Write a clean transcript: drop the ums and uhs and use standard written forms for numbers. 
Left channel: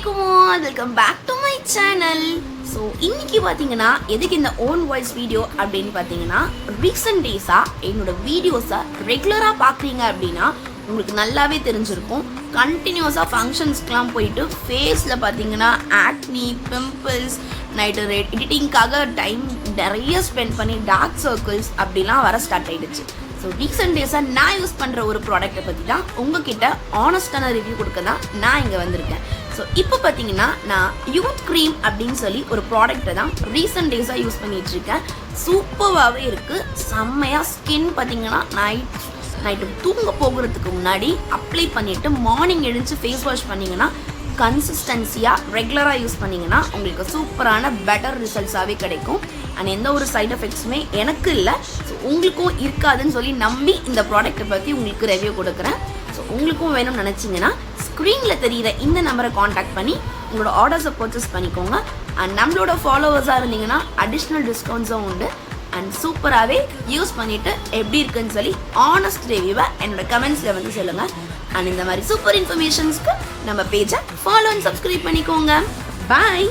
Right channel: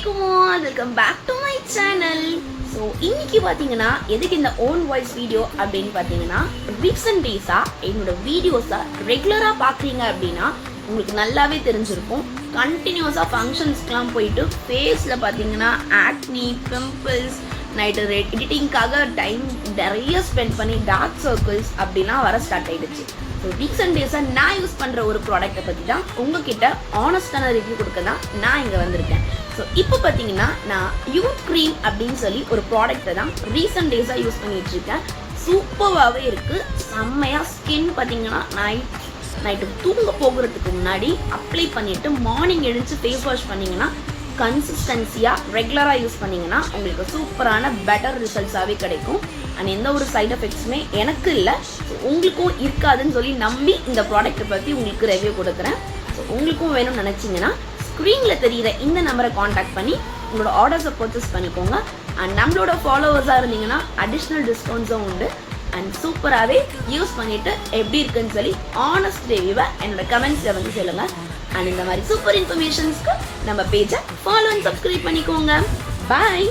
Assalamualaikum, welcome back to my channel. So இன்னைக்கு பாத்தீங்கன்னா எதுக்கு இந்த ஓன் வாய்ஸ் வீடியோ அப்படின்னு பாத்தீங்கன்னா ரீசன்ட் டேஸா என்னோட வீடியோஸை ரெகுலரா பாக்குறீங்க அப்படின்னா உங்களுக்கு நல்லாவே தெரிஞ்சிருக்கும். கண்டினியூஸா ஃபங்க்ஷன்ஸ்க்குலாம் போயிட்டு ஃபேஸ்ல பாத்தீங்கன்னா ஆக்னி, பிம்பிள்ஸ், நைட்டு எடிட்டிங்காக டைம் நிறைய ஸ்பெண்ட் பண்ணி டார்க் சர்க்கிள்ஸ் அப்படிலாம் வர ஸ்டார்ட் ஆயிடுச்சு. ஸோ ரீசெண்ட் டேஸாக நான் யூஸ் பண்ணுற ஒரு ப்ராடக்ட்டை பற்றி தான் உங்ககிட்ட ஆனஸ்டான ரிவ்யூ கொடுக்க தான் நான் இங்கே வந்திருக்கேன். ஸோ இப்போ பார்த்தீங்கன்னா நான் யூத் க்ரீம் அப்படின்னு சொல்லி ஒரு ப்ராடக்ட்டை தான் ரீசெண்ட் டேஸாக யூஸ் பண்ணிட்டு இருக்கேன். சூப்பராகவே இருக்குது. செம்மையாக ஸ்கின் பார்த்தீங்கன்னா நைட்டு தூங்க போகிறதுக்கு முன்னாடி அப்ளை பண்ணிவிட்டு மார்னிங் எழுந்து ஃபேஸ் வாஷ் பண்ணிங்கன்னா கன்சிஸ்டன்சியாக ரெகுலராக யூஸ் பண்ணிங்கன்னா உங்களுக்கு சூப்பரான பெட்டர் ரிசல்ட்ஸாகவே கிடைக்கும். அண்ட் எந்த ஒரு சைட் எஃபெக்ட்ஸுமே எனக்கு இல்லை, ஸோ உங்களுக்கும் இருக்காதுன்னு சொல்லி நம்பி இந்த ப்ராடக்ட்டை பற்றி உங்களுக்கு ரிவ்யூ கொடுக்குறேன். ஸோ உங்களுக்கும் வேணும்னு நினச்சிங்கன்னா ஸ்க்ரீனில் தெரிகிற இந்த நம்பரை காண்டாக்ட் பண்ணி உங்களோட ஆர்டர்ஸை பர்ச்சேஸ் பண்ணிக்கோங்க. அண்ட் நம்மளோட ஃபாலோவர்ஸாக இருந்தீங்கன்னா அடிஷ்னல் டிஸ்கவுண்ட்ஸும் உண்டு. அண்ட் சூப்பராகவே யூஸ் பண்ணிவிட்டு எப்படி இருக்குன்னு சொல்லி ஆனஸ்ட் ரிவ்யூவை என்னோட கமெண்ட்ஸில் வந்து சொல்லுங்கள். அண்ட் இந்த மாதிரி சூப்பர் இன்ஃபர்மேஷன்ஸ்க்கு நம்ம பேஜை ஃபாலோ அண்ட் சப்ஸ்கிரைப் பண்ணிக்கோங்க. பாய்.